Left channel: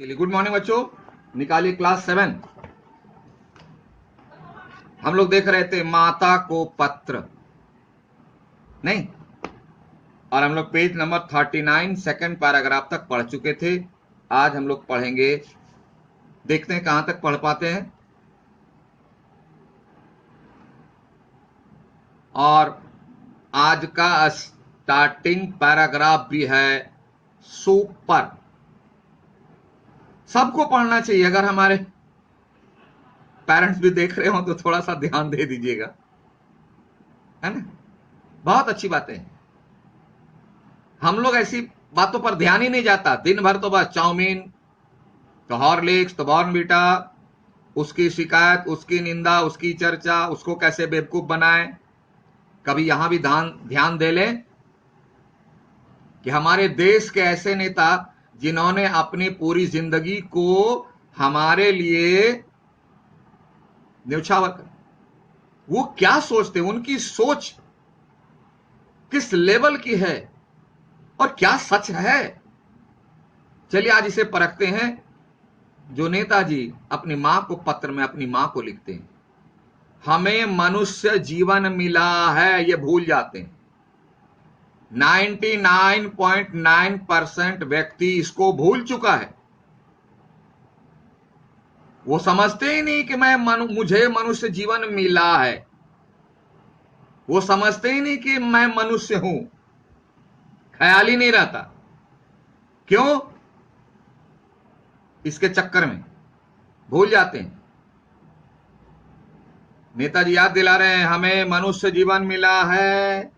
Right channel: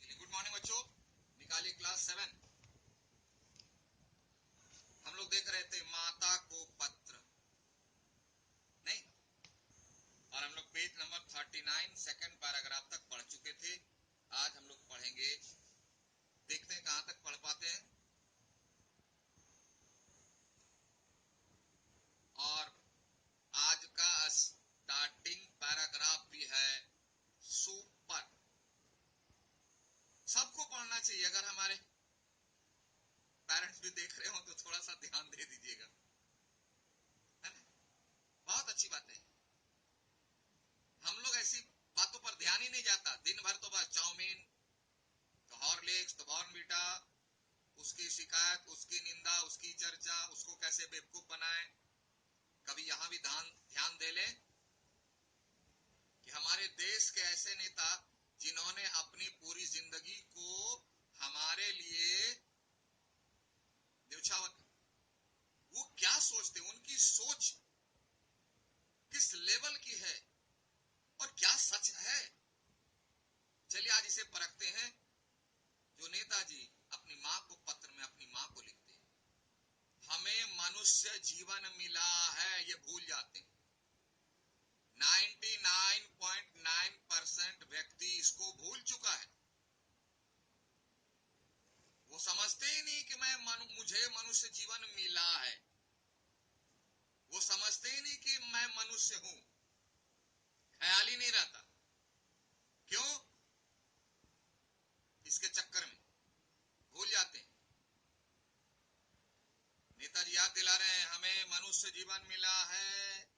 चलिए, good morning बच्चों। निकालिए क्लास 7। हम लोग देख रहे थे माता को पत्र, नहीं, और हम लोग पेज नंबर 39 सेकंड पैराग्राफ तक पढ़ चुके थे। आज हम लोग पढ़ेंगे, देखते हैं कहां तक पढ़ पाते हैं। और आज का स्टार्टिंग पैराग्राफ भी है सुपर। सबको पढ़ना चाहिए। अगर हमारे पेरेंट्स भी देख रहे हो तो थोड़ा सा ध्यान दे दीजिएगा, है ना। बहुत अच्छी बात है। हम लोग ऐसी बातों पर ध्यान ही नहीं जाता। दिन भर तो बस चाउमीन, तो हॉर्लिक्स, तो बॉर्नवीटा, उसकी शिकायत, उसकी निंदा, उसकी चर्चा, उसको कैसे बेवकूफ बनाए। कभी यहां भी ध्यान दे लें कि हमारे देश के ऐसे नेता जिन्होंने अपनी पूरी जिंदगी को हमारे लिए न्यौछावर कर, वो क्या सोचते, उनकी सोच किस लेवल की है और क्या सच है। चलिए आज इसे परखते हैं। जो नेताजी अपनी मां को पत्र में अपनी मां को लिखते हैं, हमें मनुष्य जीवन मिला है, ये भूल जाते हैं। 99.9% व्यक्ति इसको भूल चुका है। वो समझते ही नहीं कि मुझे मनुष्य जीवन मिला है। वो समझते ही नहीं कि मैं मनुष्य हूं। ख्याल ही नहीं रहता। क्यों? इसके चक्कर में भूल जाते हैं। नेताजी याद दिला रहे हैं, हमें मनुष्य जीवन मिला है,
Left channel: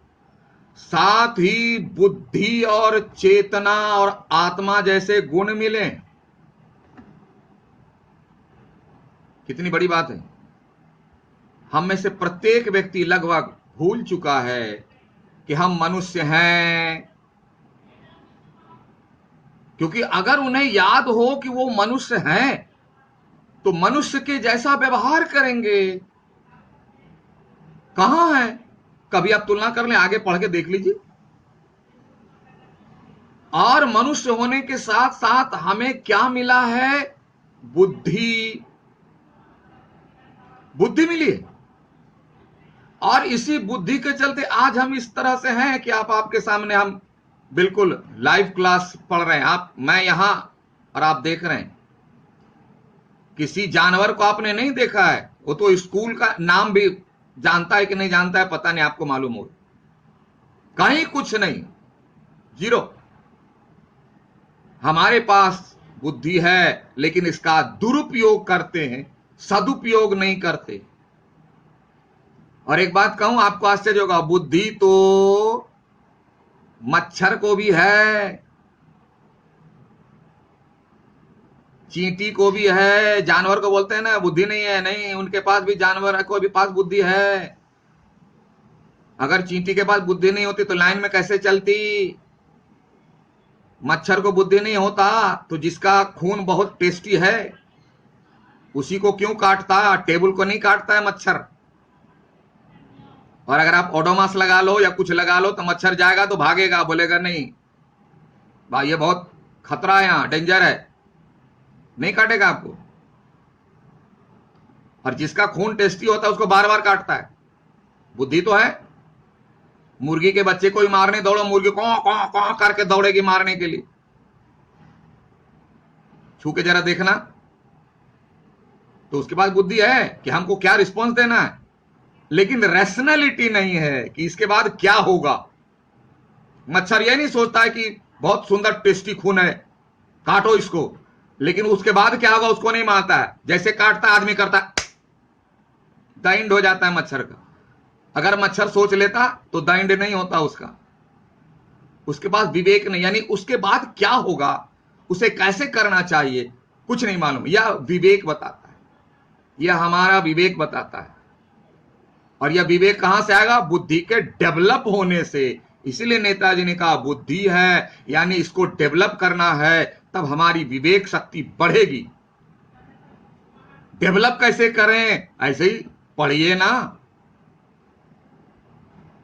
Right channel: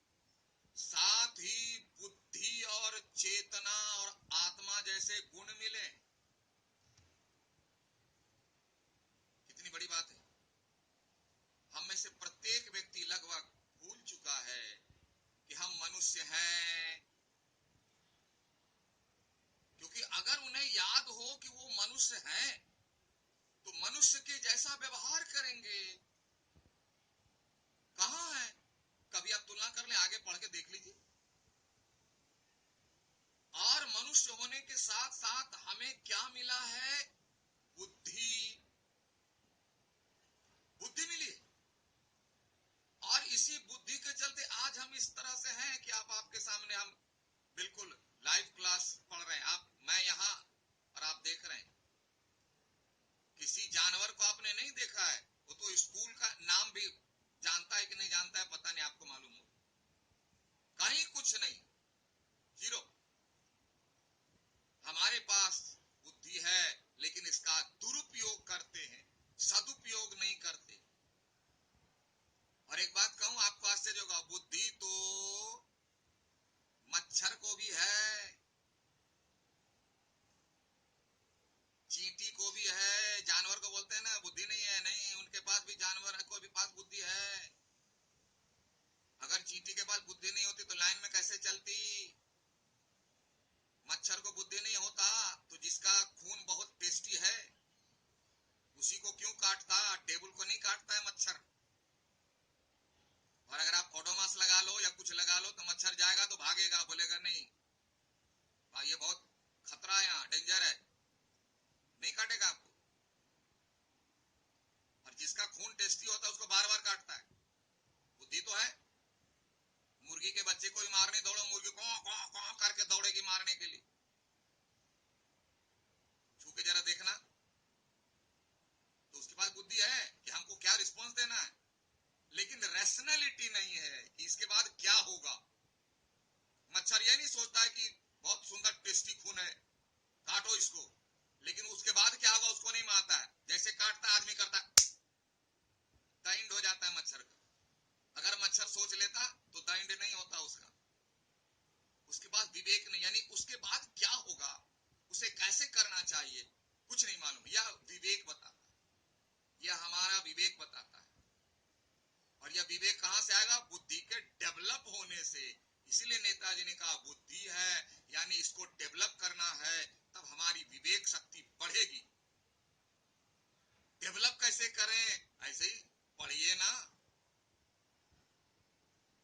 साथ ही बुद्धि और चेतना और आत्मा जैसे गुण मिले। कितनी बड़ी बात है। हम में से प्रत्येक व्यक्ति लगभग भूल चुका है कि हम मनुष्य हैं। क्योंकि अगर उन्हें याद हो कि वो मनुष्य हैं तो मनुष्य के जैसा व्यवहार करेंगे। कहां है? कभी आप तुलना कर लें, आगे पढ़ के देख लीजिए। और मनुष्य होने के साथ साथ हमें क्या मिला है? बुद्धि। बुद्धि मिली है। और इसी बुद्धि के चलते आज हम इस तरह से हैं कि आपके सामने हम बिल्कुल लाइव क्लास पढ़ रहे हैं। मैं यहां और आप देख रहे हैं। किसी जानवर को आपने नहीं देखा है, वो तो स्कूल का नाम भी जानता है कि नहीं जानता है पता नहीं, आपको मालूम हो। कहीं कुछ नहीं, जीरो। हमारे पास बुद्धि है लेकिन इसका दुरुपयोग करते हैं, सदुपयोग नहीं करते। और एक बात कहूं, आपको आश्चर्य होगा, बुद्धि तो मच्छर को भी है, चींटी को भी है। जानवर को बोलते हैं ना बुद्धि नहीं है, नहीं, उनके पास भी, जानवर को भी पास बुद्धि है। अगर चींटी के पास बुद्धि नहीं होती तो लाइन में कैसे चलती? मच्छर को बुद्धि नहीं होता तो जिसका खून बहुत टेस्टी है उसी को क्यों काटता? टेबल को नहीं काटता है मच्छर। और अगर आप ओडोमास लगा लो या कुछ लगा लो तो मच्छर जाएगा तो भागेगा, बोलेगा नहीं भाई ये बहुत खतरा है, यहां डेंजर है, नहीं काटेगा आपको। और जिसका खून टेस्टी होता है उसको बार बार काटता है। बुद्धि तो है। मुर्गी के बच्चे को ही मारने दौड़ो, मुर्गी कौ कौ कौ करके दौड़ेगी मारने के लिए। छू के जरा देखना, तो उसके पास बुद्धि है कि हमको क्या रिस्पॉन्स देना है, लेकिन रैशनैलिटी नहीं है कि इसके बाद क्या होगा। मच्छर ये नहीं सोचता है कि बहुत सुंदर टेस्टी खून है, काटो इसको, लेकिन उसके बाद क्या होगा उसको नहीं मानता है। जैसे काटता है आदमी करता है, दाइंड हो जाता है मच्छर का। अगर मच्छर सोच लेता तो दाइंड नहीं होता उसका। उसके पास विवेक नहीं, यानी उसके बाद क्या होगा, उसे कैसे करना चाहिए, कुछ नहीं मालूम। यह विवेक बताता है, यह हमारा विवेक बताता है। और यह विवेक कहां से आएगा? बुद्धि के डेवलप होने से। इसीलिए नेताजी ने कहा बुद्धि है, यानी इसको डेवलप करना है, तब हमारी विवेक शक्ति बढ़ेगी। डेवलप कैसे करें? ऐसे ही पढ़िए ना,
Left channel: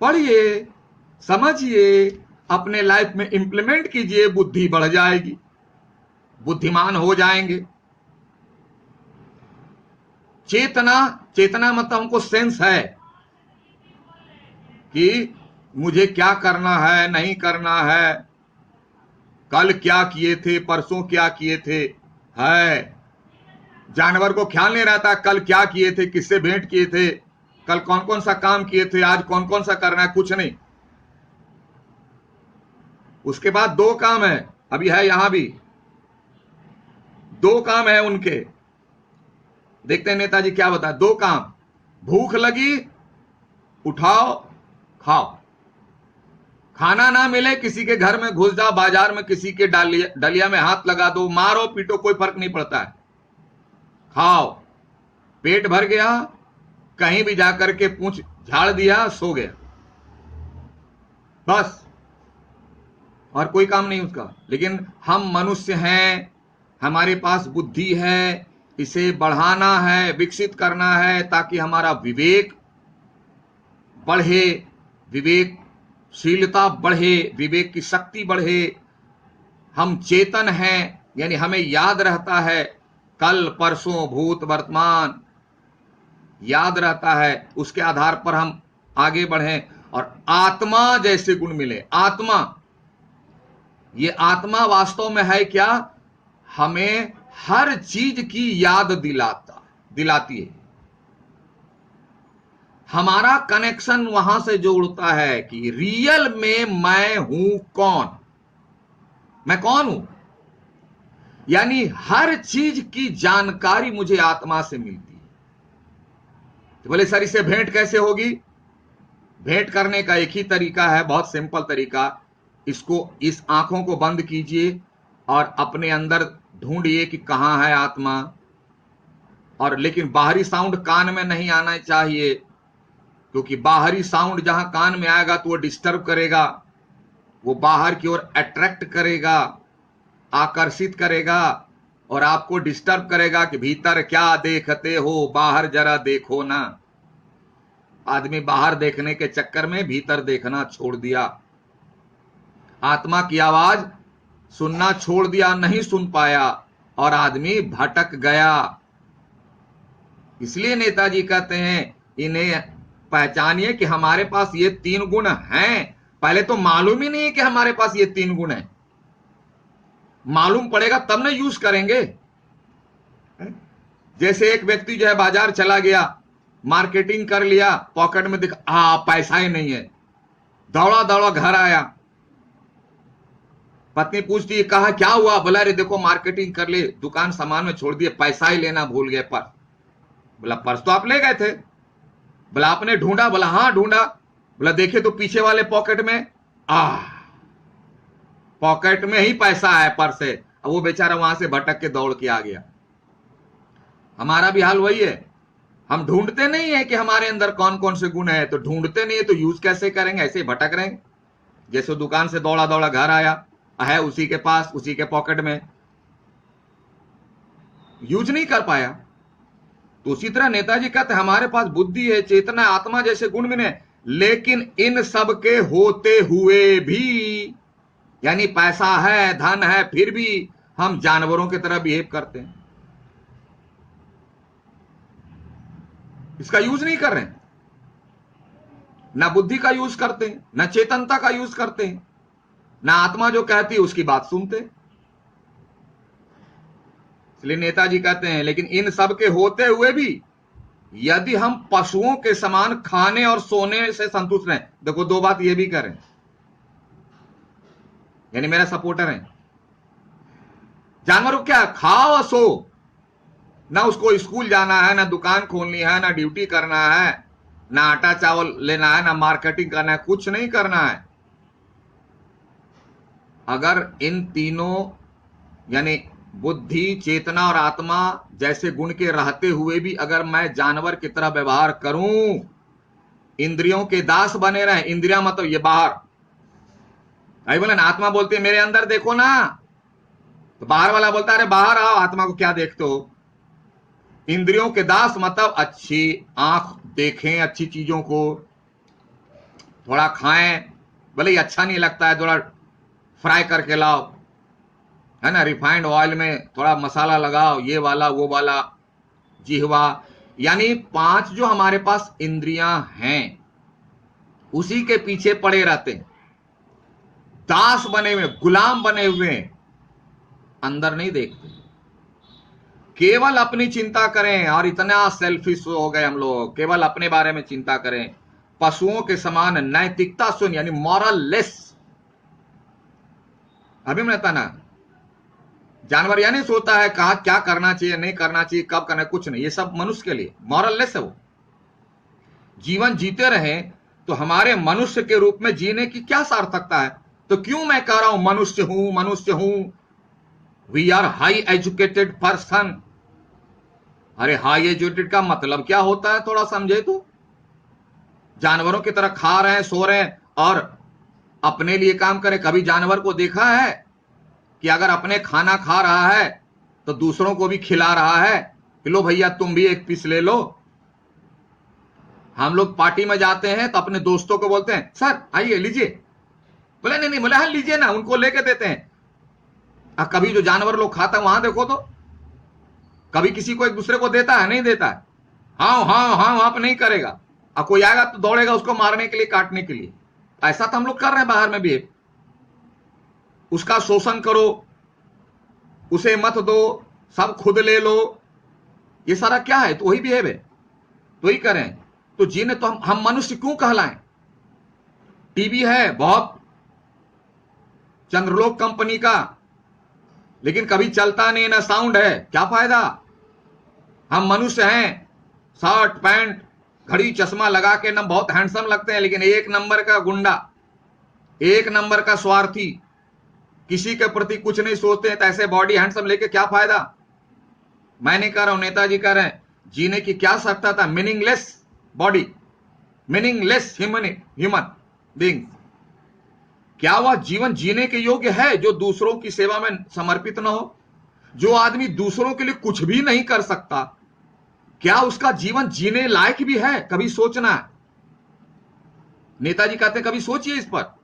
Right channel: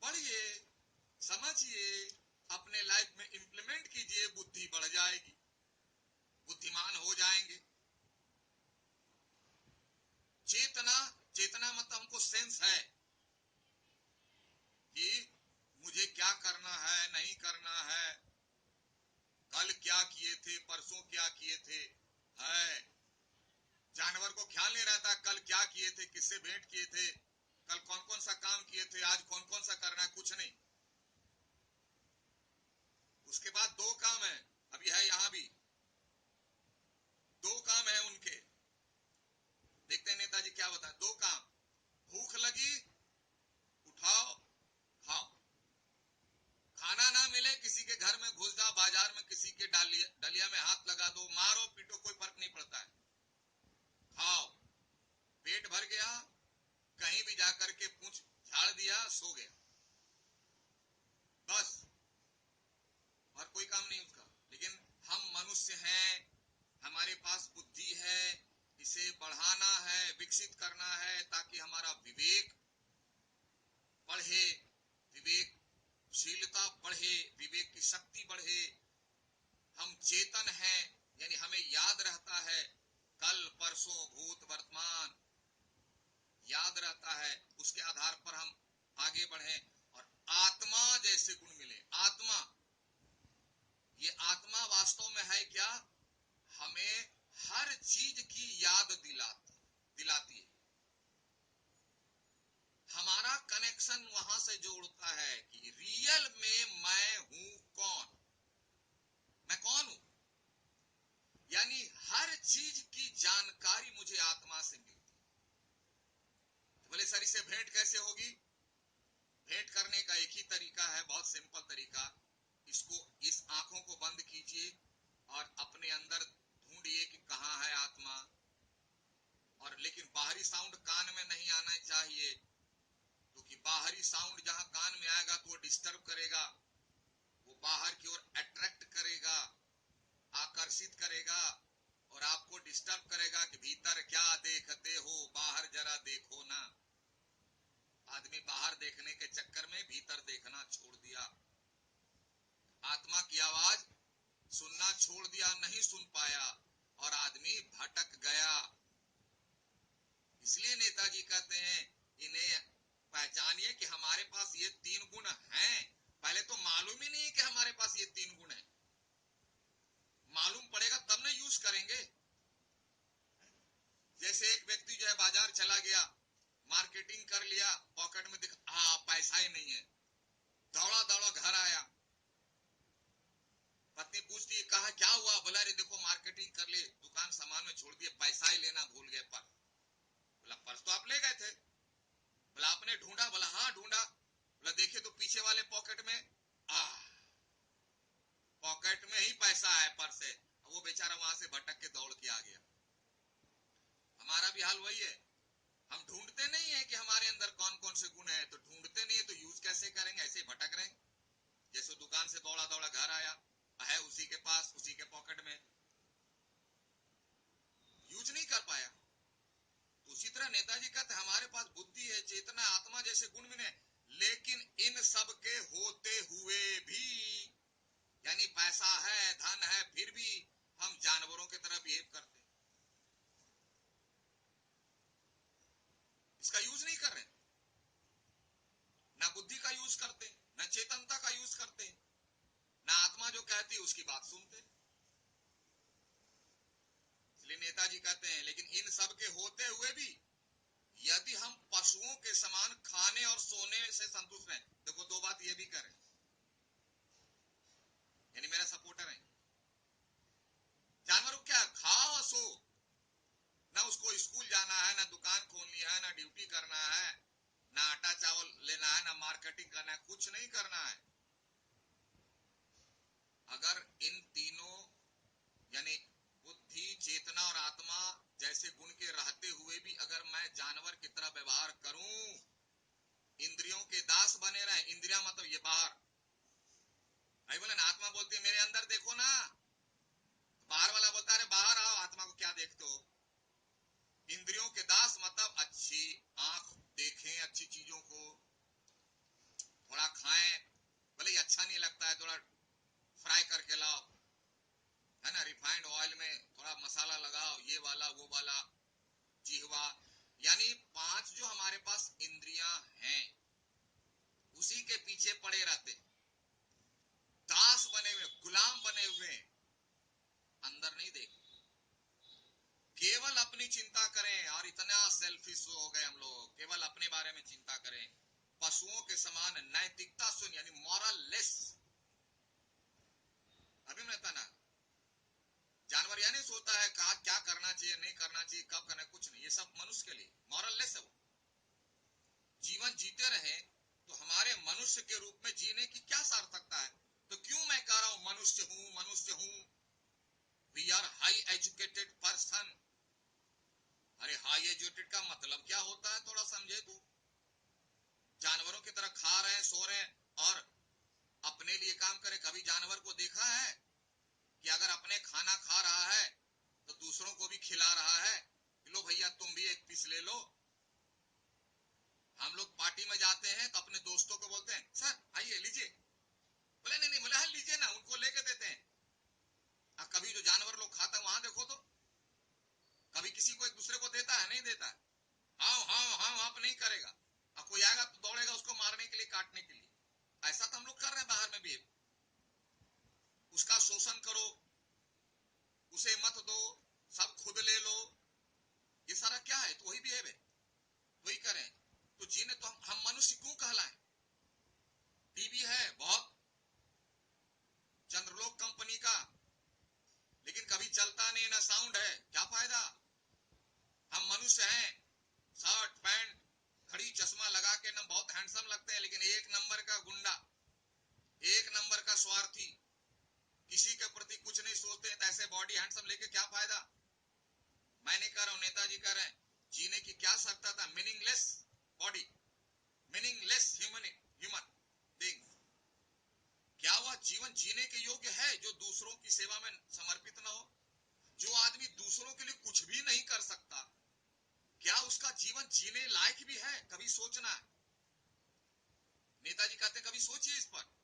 पढ़िए, समझिए, अपने लाइफ में इंप्लीमेंट कीजिए, बुद्धि बढ़ जाएगी। बुद्धिमान हो जाएंगे। चेतना, चेतना मतलब हमको सेंस है कि मुझे क्या करना है, नहीं करना है, कल क्या किए थे, परसों क्या किए थे। है, जानवर को ख्याल नहीं रहता कल क्या किए थे, किससे भेंट किए थे, कल कौन कौन सा काम किए थे, आज कौन कौन सा करना है, कुछ नहीं। उसके बाद दो काम है, अभी है यहां भी दो काम है उनके। देखते हैं नेताजी क्या बताए। दो काम, भूख लगी उठाओ खाओ, खाना ना मिले किसी के घर में घुस जाओ, बाजार में किसी के डलिया में हाथ लगा दो, मारो पीटो, कोई फर्क नहीं पड़ता है, खाओ। पेट भर गया, कहीं भी जाकर के पूंछ झाड़ दिया, सो गया, बस, और कोई काम नहीं उसका। लेकिन हम मनुष्य हैं, हमारे पास बुद्धि है, इसे बढ़ाना है, विकसित करना है, ताकि हमारा विवेक बढ़े, विवेकशीलता बढ़े, विवेक की शक्ति बढ़े। हम चेतन हैं, यानी हमें याद रहता है कल परसों भूत वर्तमान, याद रहता है, उसके आधार पर हम आगे बढ़ें और आत्मा जैसे गुण मिले। आत्मा, ये आत्मा वास्तव में है क्या? हमें हर चीज की याद दिलाती है। हमारा कनेक्शन वहां से जोड़ता है कि रियल में मैं हूं कौन, मैं कौन हूं। यानी हर चीज की जानकारी मुझे आत्मा से मिलती है। तो बोले सर इससे भेंट कैसे होगी? भेंट करने का एक ही तरीका है, बहुत सिंपल तरीका। इसको, इस आंखों को बंद कीजिए और अपने अंदर ढूंढिए कि कहां है आत्मा। और लेकिन बाहरी साउंड कान में नहीं आना चाहिए, क्योंकि बाहरी साउंड जहां कान में आएगा तो वो डिस्टर्ब करेगा, वो बाहर की ओर अट्रैक्ट करेगा, आकर्षित करेगा और आपको डिस्टर्ब करेगा कि भीतर क्या देखते हो, बाहर जरा देखो ना। आदमी बाहर देखने के चक्कर में भीतर देखना छोड़ दिया, आत्मा की आवाज सुनना छोड़ दिया, नहीं सुन पाया और आदमी भटक गया। इसलिए नेताजी कहते हैं इन्हें पहचानिए कि हमारे पास ये तीन गुण हैं। पहले तो मालूम ही नहीं है कि हमारे पास ये तीन गुण हैं, मालूम पड़ेगा तब ना यूज करेंगे। जैसे एक व्यक्ति जो है बाजार चला गया, मार्केटिंग कर लिया, पॉकेट में दिखा पैसा ही नहीं है, दौड़ा दौड़ा घर आया, पत्नी पूछती है कहा क्या हुआ? बोला अरे देखो मार्केटिंग कर ली, दुकान सामान में छोड़ दिए, पैसा ही लेना भूल गए पर्स। बोला पर्स तो आप ले गए थे। बोला आपने ढूंढा? बोला हाँ ढूंढा। बोला देखे तो पीछे वाले पॉकेट में, पॉकेट में ही पैसा है, पर्स है। अब वो बेचारा वहां से भटक के दौड़ के आ गया। हमारा भी हाल वही है, हम ढूंढते नहीं है कि हमारे अंदर कौन कौन से गुण है, तो ढूंढते नहीं है तो यूज कैसे करेंगे? ऐसे ही भटक रहे हैं। जैसे दुकान से दौड़ा दौड़ा घर आया है, उसी के पास, उसी के पॉकेट में, यूज नहीं कर पाया। तो उसी तरह नेताजी कहते हैं हमारे पास बुद्धि है, चेतना, आत्मा जैसे गुण मिले, लेकिन इन सब के होते हुए भी, यानी पैसा है, धन है, फिर भी हम जानवरों की तरह बिहेव करते हैं, इसका यूज नहीं कर रहे हैं, ना बुद्धि का यूज करते हैं, ना चेतनता का यूज करते हैं, ना आत्मा जो कहती है उसकी बात सुनते। इसलिए नेताजी कहते हैं लेकिन इन सब के होते हुए भी यदि हम पशुओं के समान खाने और सोने से संतुष्ट रहें, देखो दो बात ये भी करें, यानी मेरा सपोर्टर है, जानवर को क्या खाओ और सो, ना उसको स्कूल जाना है, ना दुकान खोलनी है, ना ड्यूटी करना है, ना आटा चावल लेना है, ना मार्केटिंग करना है, कुछ नहीं करना है। अगर इन तीनों यानी बुद्धि, चेतना और आत्मा जैसे गुण के रहते हुए भी अगर मैं जानवर की तरह व्यवहार करूं, इंद्रियों के दास बने रहे, इंद्रिया मतलब ये बाहर, आई बोले ना, आत्मा बोलती है मेरे अंदर देखो ना, तो बाहर वाला बोलता है अरे बाहर आओ, आत्मा को क्या देखते हो। इंद्रियों के दास मतलब अच्छी आंख देखें अच्छी चीजों को, थोड़ा खाएं, भले ही अच्छा नहीं लगता है, थोड़ा फ्राई करके लाओ, है ना, रिफाइंड ऑयल में थोड़ा मसाला लगाओ, ये वाला वो वाला, जिह्वा, यानी 5 जो हमारे पास इंद्रियां हैं उसी के पीछे पड़े रहते हैं, दास बने हुए, गुलाम बने हुए, अंदर नहीं देखते, केवल अपनी चिंता करें। और इतना सेल्फिश हो गए हम लोग, केवल अपने बारे में चिंता करें, पशुओं के समान नैतिकता शून्य, यानी मॉरल लेस। अभी मैं कहता ना, जानवर या नहीं सोचता है कहा क्या करना चाहिए नहीं करना चाहिए, कब करना है, कुछ नहीं, ये सब मनुष्य के लिए मॉरल लेस है। वो जीवन जीते रहे तो हमारे मनुष्य के रूप में जीने की क्या सार्थकता है? तो क्यों मैं कह रहा हूं मनुष्य हूं, मनुष्य हूं। We are high educated person. अरे हाई एजुकेटेड का मतलब क्या होता है, थोड़ा समझे तो। जानवरों की तरह खा रहे हैं, सो रहे हैं और अपने लिए काम करें। कभी जानवर को देखा है कि अगर अपने खाना खा रहा है तो दूसरों को भी खिला रहा है कि लो भैया तुम भी एक पीस ले लो? हम लोग पार्टी में जाते हैं तो अपने दोस्तों को बोलते हैं सर आइए लीजिए, बोले नहीं नहीं, बोले हाँ लीजिए ना, उनको लेके देते हैं। कभी जो जानवर लोग खाता है वहां देखो तो, कभी किसी को एक दूसरे को देता है? नहीं देता है। हाँ हाँ हाँ, आप नहीं करेगा, और कोई आएगा तो दौड़ेगा उसको मारने के लिए, काटने के लिए। ऐसा तो हम लोग कर रहे हैं बाहर में भी। उसका शोषण करो, उसे मत दो, सब खुद ले लो, ये सारा क्या है? तो वही बिहेव है, तो ही करें। तो जीने तो हम मनुष्य क्यों कहलाएं? टीवी है बहुत, चंद्रलोक कंपनी का, लेकिन कभी चलता नहीं, ना साउंड है, क्या फायदा? हम मनुष्य हैं, शर्ट पैंट घड़ी चश्मा लगा के ना बहुत हैंडसम लगते हैं, लेकिन एक नंबर का गुंडा, एक नंबर का स्वार्थी, किसी के प्रति कुछ नहीं सोचते हैं, तो ऐसे बॉडी हैंडसम लेके क्या फायदा? मैं नहीं कह रहा हूं, नेताजी कह रहे हैं, जीने की क्या सकता था? Meaningless body, meaningless human being. क्या वह जीवन जीने के योग्य है जो दूसरों की सेवा में समर्पित न हो? जो आदमी दूसरों के लिए कुछ भी नहीं कर सकता, क्या उसका जीवन जीने लायक भी है? कभी सोचना है। नेताजी कहते हैं कभी सोचिए इस पर।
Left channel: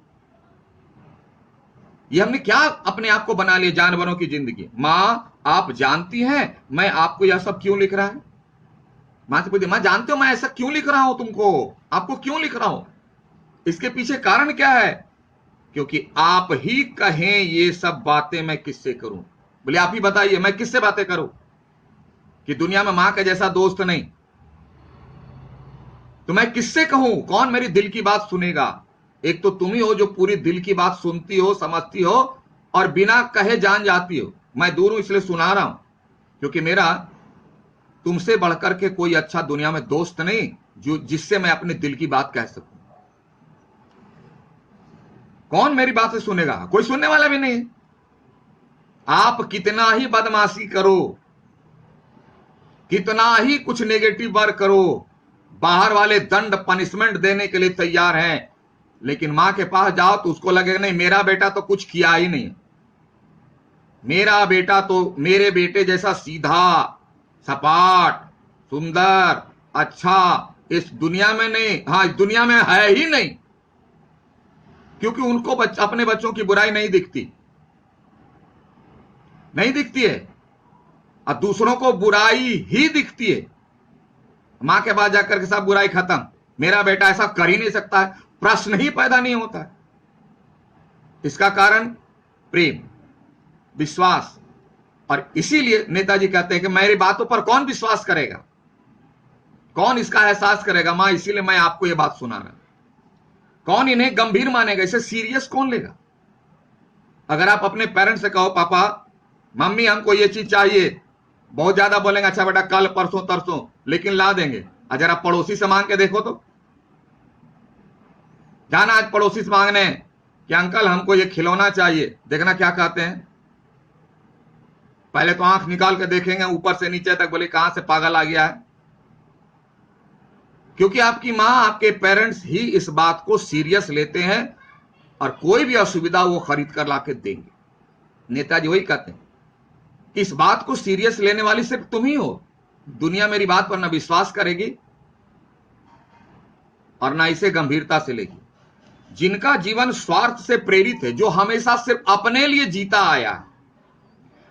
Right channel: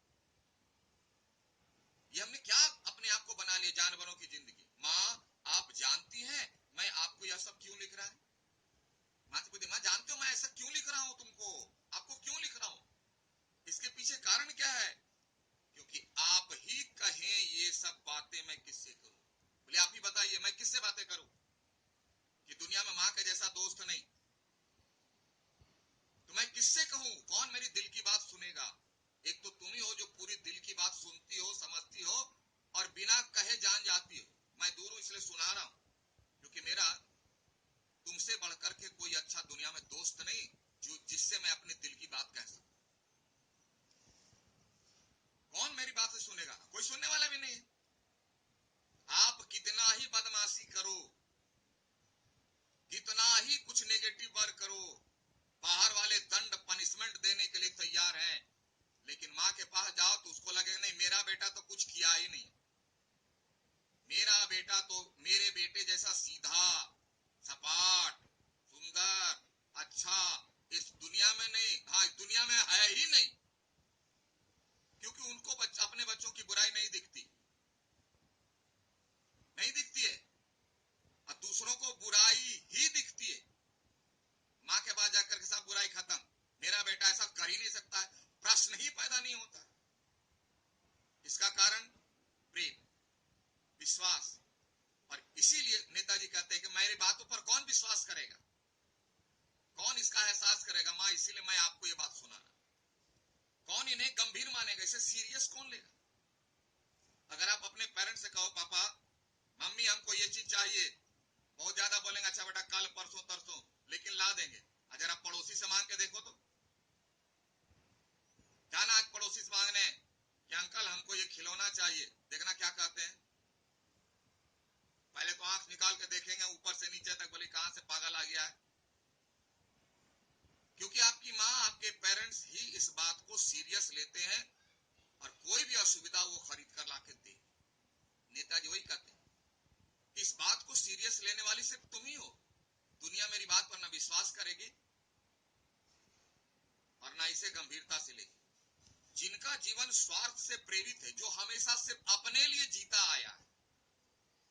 ये हमने क्या अपने आप को बना लिया जानवरों की जिंदगी। मां आप जानती हैं मैं आपको यह सब क्यों लिख रहा है? मां से पूछती, मां जानते हो मैं ऐसा क्यों लिख रहा हूं तुमको, आपको क्यों लिख रहा हूं? इसके पीछे कारण क्या है? क्योंकि आप ही कहें ये सब बातें मैं किससे करूं। बोले आप ही बताइए मैं किससे बातें करूं, कि दुनिया में मां के जैसा दोस्त नहीं, तो मैं किससे कहूं? कौन मेरी दिल की बात सुनेगा? एक तो तुम ही हो जो पूरी दिल की बात सुनती हो, समझती हो और बिना कहे जान जाती हो। मैं दूर हूं इसलिए सुना रहा हूं, क्योंकि मेरा तुमसे बढ़कर के कोई अच्छा दुनिया में दोस्त नहीं जो जिससे मैं अपने दिल की बात कह सकूं। कौन मेरी बातें सुनेगा? कोई सुनने वाला भी नहीं। आप कितना ही बदमाशी करो, कितना ही कुछ नेगेटिव वर्क करो, बाहर वाले दंड पनिशमेंट देने के लिए तैयार हैं, लेकिन मां के पास जाओ तो उसको लगेगा नहीं मेरा बेटा तो कुछ किया ही नहीं, मेरा बेटा तो मेरे बेटे जैसा सीधा सपाट सुंदर अच्छा इस दुनिया में नहीं, हाँ इस दुनिया में है ही नहीं। क्योंकि उनको अपने बच्चों की बुराई नहीं दिखती, नहीं दिखती है, और दूसरों को बुराई ही दिखती है। मां के पास जाकर के सब बुराई खत्म, मेरा बेटा ऐसा कर ही नहीं सकता है, प्रश्न ही पैदा नहीं होता है। इसका कारण प्रेम, विश्वास। और इसीलिए नेताजी कहते हैं कि मेरी बातों पर कौन विश्वास करेगा, कौन इसका एहसास करेगा? मां इसीलिए मैं आपको यह बात सुना रहा। कौन इन्हें गंभीर मानेगा, इसे सीरियस कौन लेगा? अगर आप अपने पेरेंट्स से कहो पापा मम्मी हमको ये चीज चाहिए, बहुत ज्यादा बोलेंगे अच्छा बेटा कल परसों तरसों, लेकिन ला देंगे। अगर आप पड़ोसी से मांग के देखो तो, जाना आज पड़ोसी से मांगने कि अंकल हमको ये खिलौना चाहिए, देखना क्या कहते हैं। पहले तो आंख निकाल के देखेंगे ऊपर से नीचे तक, बोले कहां से पागल आ गया है। क्योंकि आपकी मां आपके पेरेंट्स ही इस बात को सीरियस लेते हैं और कोई भी असुविधा वो खरीद कर ला के देंगे। नेताजी वही कहते हैं, इस बात को सीरियस लेने वाली सिर्फ तुम ही हो। दुनिया मेरी बात पर ना विश्वास करेगी और ना इसे गंभीरता से लेगी। जिनका जीवन स्वार्थ से प्रेरित है, जो हमेशा सिर्फ अपने लिए जीता आया है,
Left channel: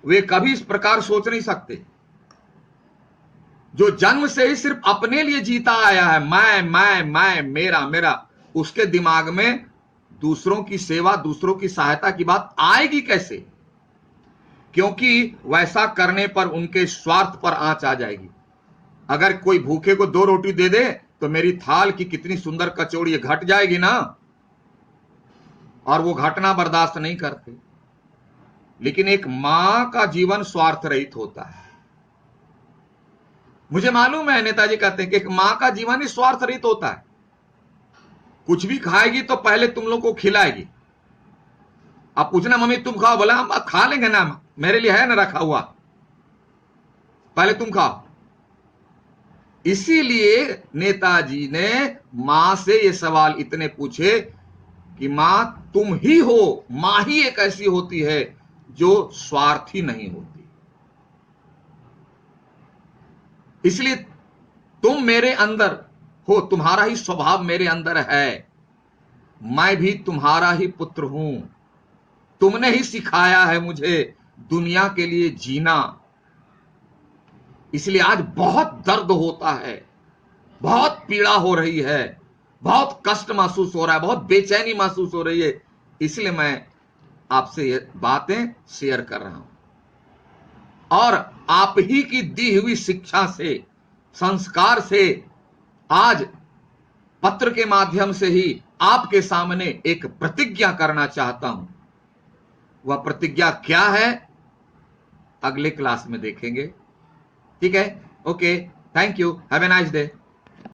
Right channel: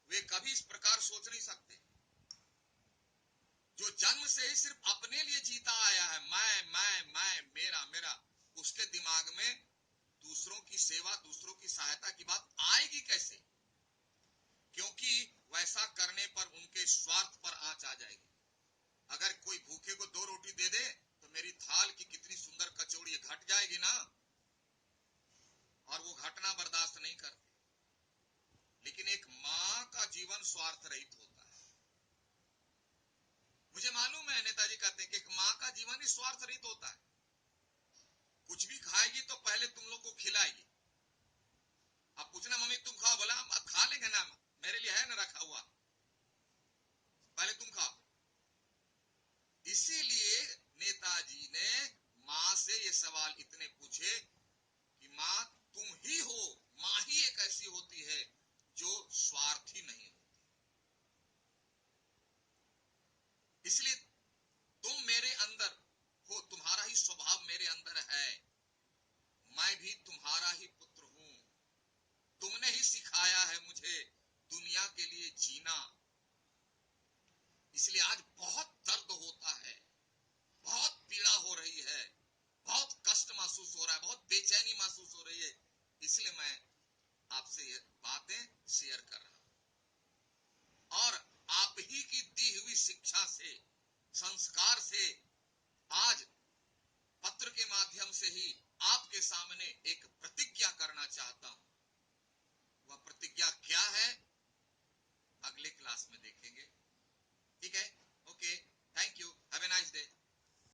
वे कभी इस प्रकार सोच नहीं सकते। जो जन्म से ही सिर्फ अपने लिए जीता आया है, मैं, मेरा मेरा, उसके दिमाग में दूसरों की सेवा, दूसरों की सहायता की बात आएगी कैसे? क्योंकि वैसा करने पर उनके स्वार्थ पर आंच आ जाएगी। अगर कोई भूखे को 2 रोटी दे दे तो मेरी थाल की कितनी सुंदर कचौड़ी घट जाएगी ना, और वो घटना बर्दाश्त नहीं करते। लेकिन एक मां का जीवन स्वार्थ रहित होता है। मुझे मालूम है, नेताजी कहते हैं कि एक मां का जीवन ही स्वार्थ रहित होता है। कुछ भी खाएगी तो पहले तुम लोग को खिलाएगी। अब पूछना मम्मी तुम खाओ, बोला हम खा लेंगे ना, मेरे लिए है ना रखा हुआ, पहले तुम खाओ। इसीलिए नेताजी ने मां से ये सवाल इतने पूछे कि मां तुम ही हो, मां ही एक ऐसी होती है जो स्वार्थी नहीं होती। इसलिए तुम मेरे अंदर हो, तुम्हारा ही स्वभाव मेरे अंदर है, मैं भी तुम्हारा ही पुत्र हूं। तुमने ही सिखाया है मुझे दुनिया के लिए जीना। इसलिए आज बहुत दर्द होता है, बहुत पीड़ा हो रही है, बहुत कष्ट महसूस हो रहा है, बहुत बेचैनी महसूस हो रही है। इसलिए मैं आपसे ये बातें शेयर कर रहा हूं। और आप ही की दी हुई शिक्षा से, संस्कार से आज पत्र के माध्यम से ही आपके सामने एक प्रतिज्ञा करना चाहता हूं। वह प्रतिज्ञा क्या है अगले क्लास में देखेंगे। ठीक है? Okay, thank you, have a nice day.